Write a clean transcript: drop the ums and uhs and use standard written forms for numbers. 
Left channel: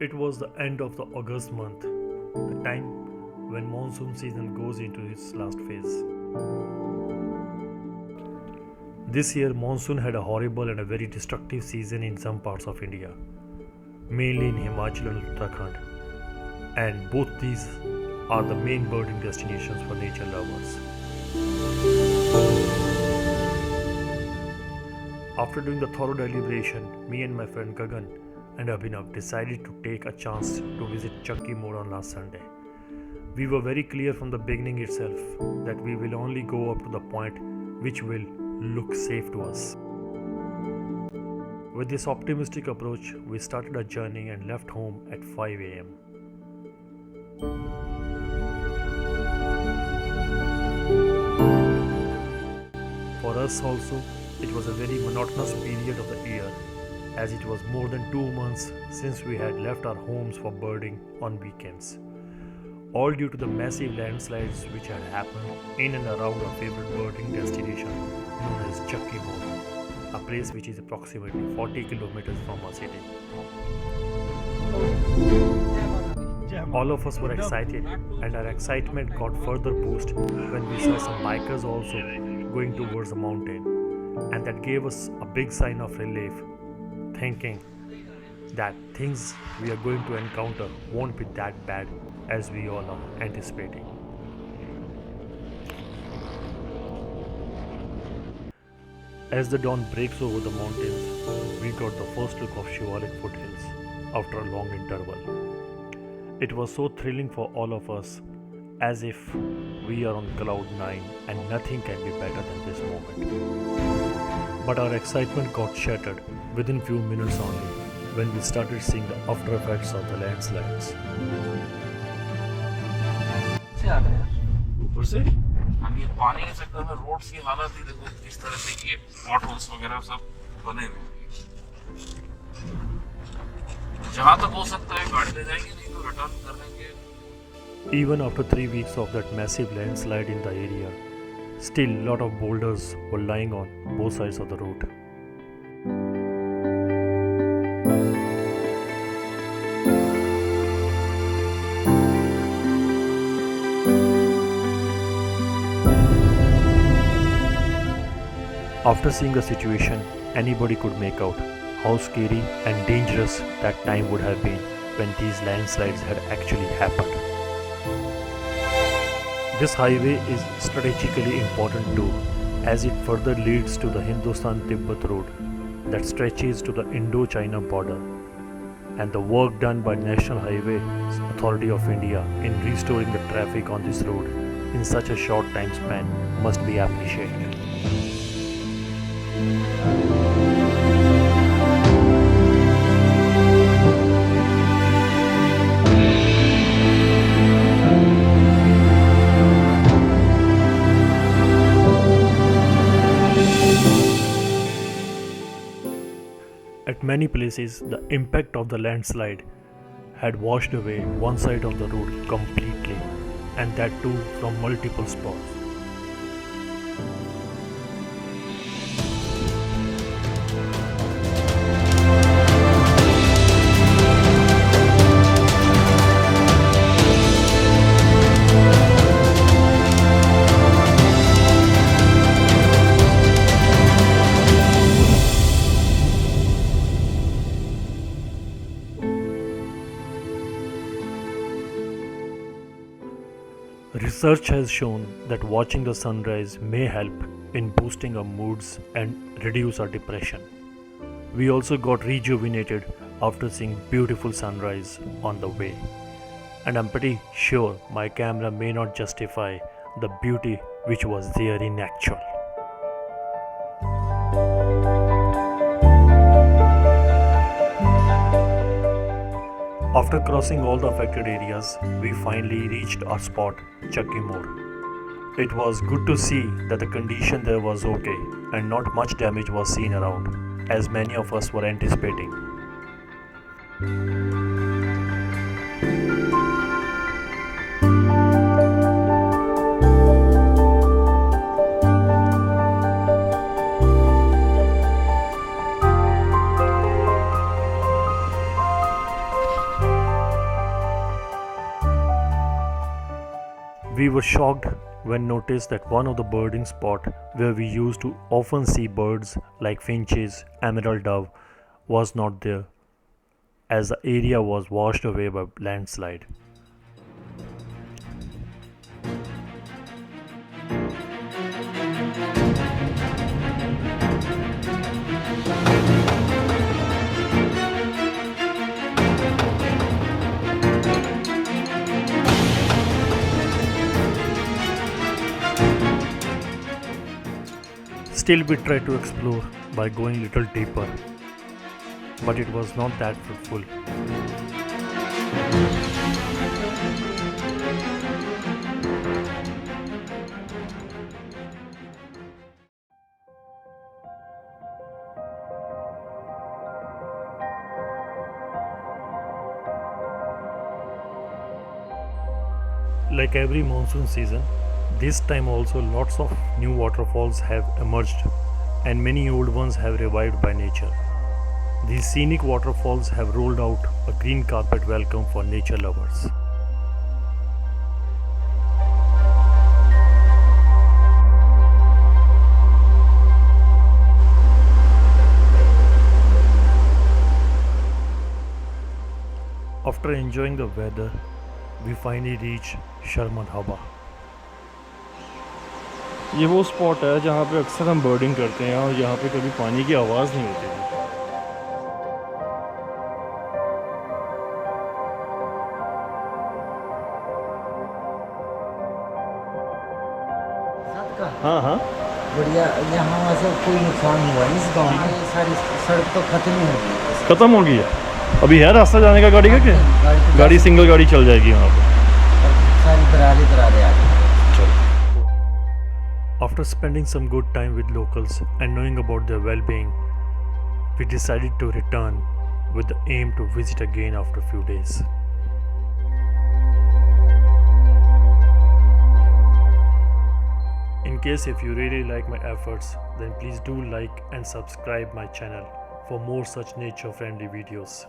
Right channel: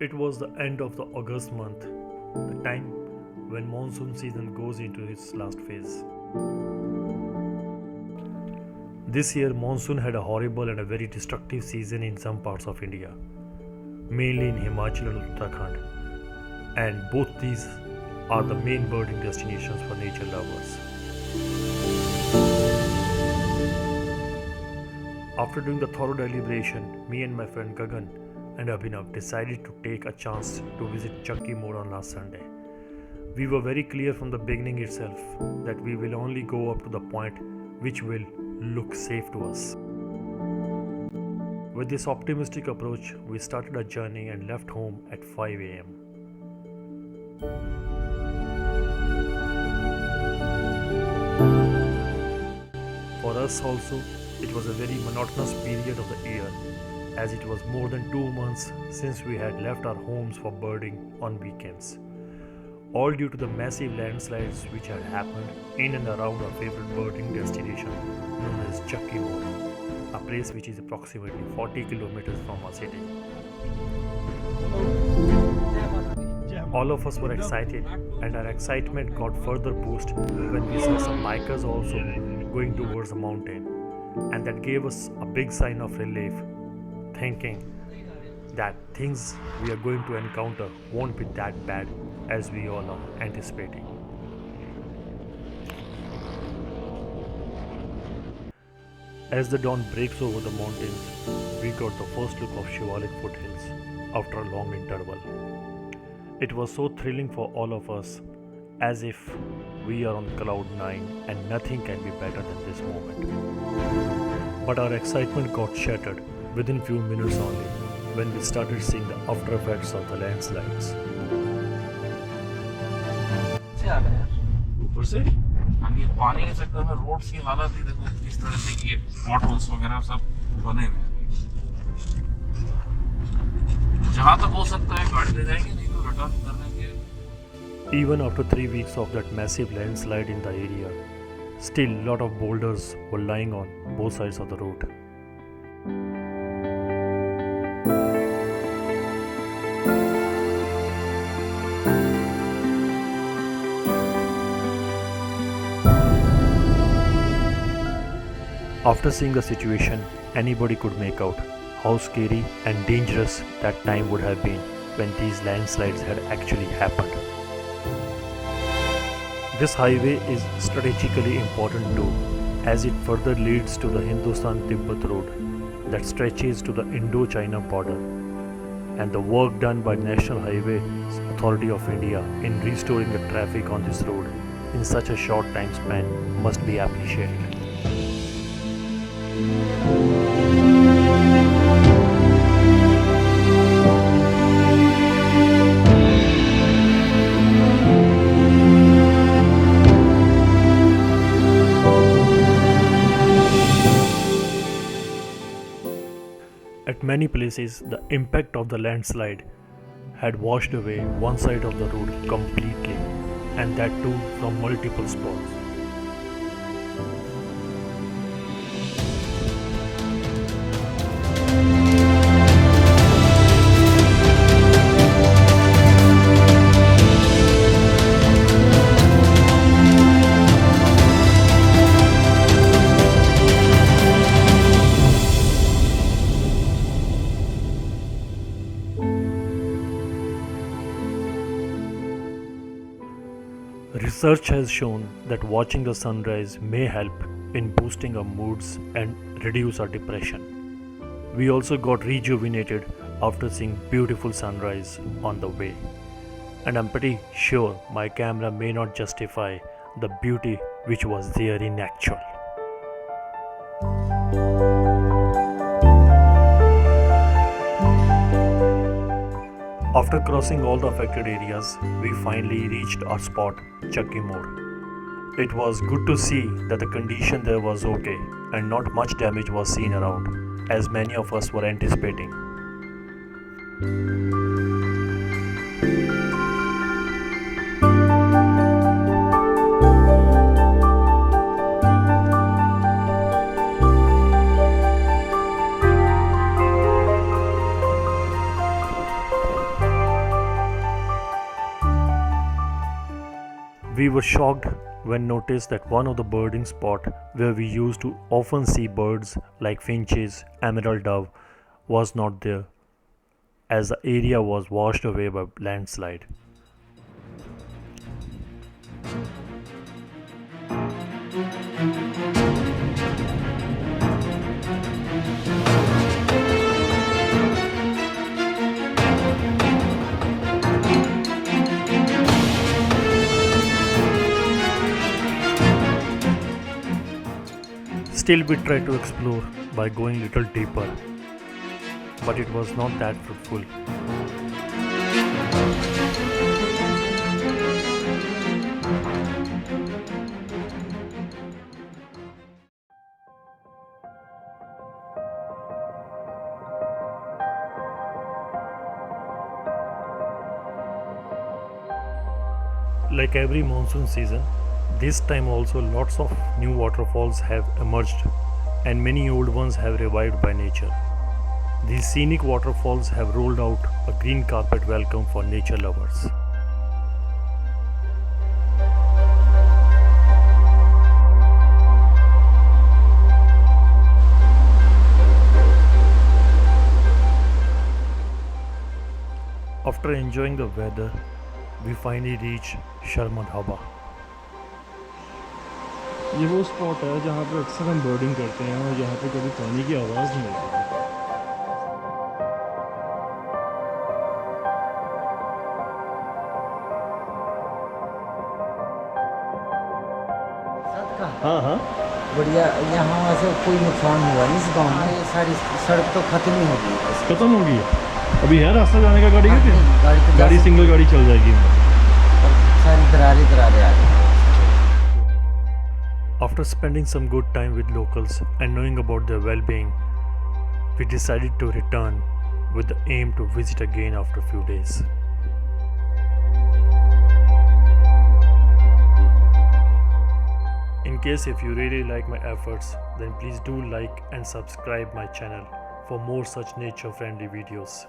It was the end of the August month, the time when monsoon season goes into its last phase. This year, monsoon had a horrible and a very destructive season in some parts of India, mainly in Himachal and Uttarakhand, and both these are the main birding destinations for nature lovers. After doing the thorough deliberation, me and my friend Gagan and Abhinav decided to take a chance to visit Chakki Modh on last Sunday. We were very clear from the beginning itself that we will only go up to the point which will look safe to us. With this optimistic approach, we started our journey and left home at 5 am. For us also, it was a very monotonous period of the year, as it was more than 2 months since we had left our homes for birding on weekends. All due to the massive landslides which had happened in and around our favorite birding destination known as Chakki Modh, a place which is approximately 40 kilometers from our city. All of us were excited, and our excitement got further boosted when we saw some bikers also going towards the mountain, and that gave us a big sign of relief, thinking that things we are going to encounter won't be that bad as we all are anticipating. As the dawn breaks over the mountains, we got the first look of Shivalik foothills after a long interval. It was so thrilling for all of us, as if we are on cloud 9 and nothing can be better than this moment. But our excitement got shattered within few minutes only when we started seeing the after effects of the landslides. ऊपर से अब ये पानी के चक्कर में road की हालत ही देखो किस तरह से ये पॉटहोल्स वगैरह सब बने हुए हैं। जहाँ तक हो सकता है गाड़ी ले जाएंगे, नहीं तो रिटर्न करने के। Even after 3 weeks of that massive landslide in the area, still lot of boulders were lying on both sides of the road. After seeing the situation, anybody could make out how scary and dangerous that time would have been when these landslides had actually happened. This highway is strategically important too, as it further leads to the Hindustan-Tibet road that stretches to the Indo-China border, and the work done by National Highways Authority of India in restoring the traffic on this road in such a short time span must be appreciated. At many places, the impact of the landslide had washed away one side of the road completely, and that too from multiple spots. Research has shown that watching the sunrise may help in boosting our moods and reduce our depression. We also got rejuvenated after seeing beautiful sunrise on the way. And I'm pretty sure my camera may not justify the beauty which was there in actual. After crossing all the affected areas, we finally reached our spot, Chakki Modh. It was good to see that the condition there was okay and not much damage was seen around, as many of us were anticipating. We were shocked when noticed that one of the birding spots where we used to often see birds like finches, emerald dove was not there, as the area was washed away by landslide. Still, we tried to explore by going little deeper, but it was not that fruitful. Like every monsoon season, this time also lots of new waterfalls have emerged and many old ones have revived by nature. These scenic waterfalls have rolled out a green carpet welcome for nature lovers. After enjoying the weather, we finally reach Sharma Dhaba. ये वो spot है जहाँ पे अक्सर हम बर्डिंग करते हैं और यहाँ पे कभी पानी की आवाज़ नहीं होती है। हाँ हाँ बढ़िया। यहाँ वैसे कोई नुकसान हुआ नहीं इस गांव में, ये सारी सड़क तो खत्म ही हो गई। ख़त्म हो गई है। अभी है रास्ता जाने का गाड़ी का क्या? गाड़ी तो गाड़ी सिंगल गाड़ी चल जाएगी वहाँ पे। सारी दरारें आ गई। After spending some good time with locals and knowing about their well-being, we decided to return with the aim to visit again after a few days. In case if you really like my efforts, then please do like and subscribe my channel for more such nature-friendly videos.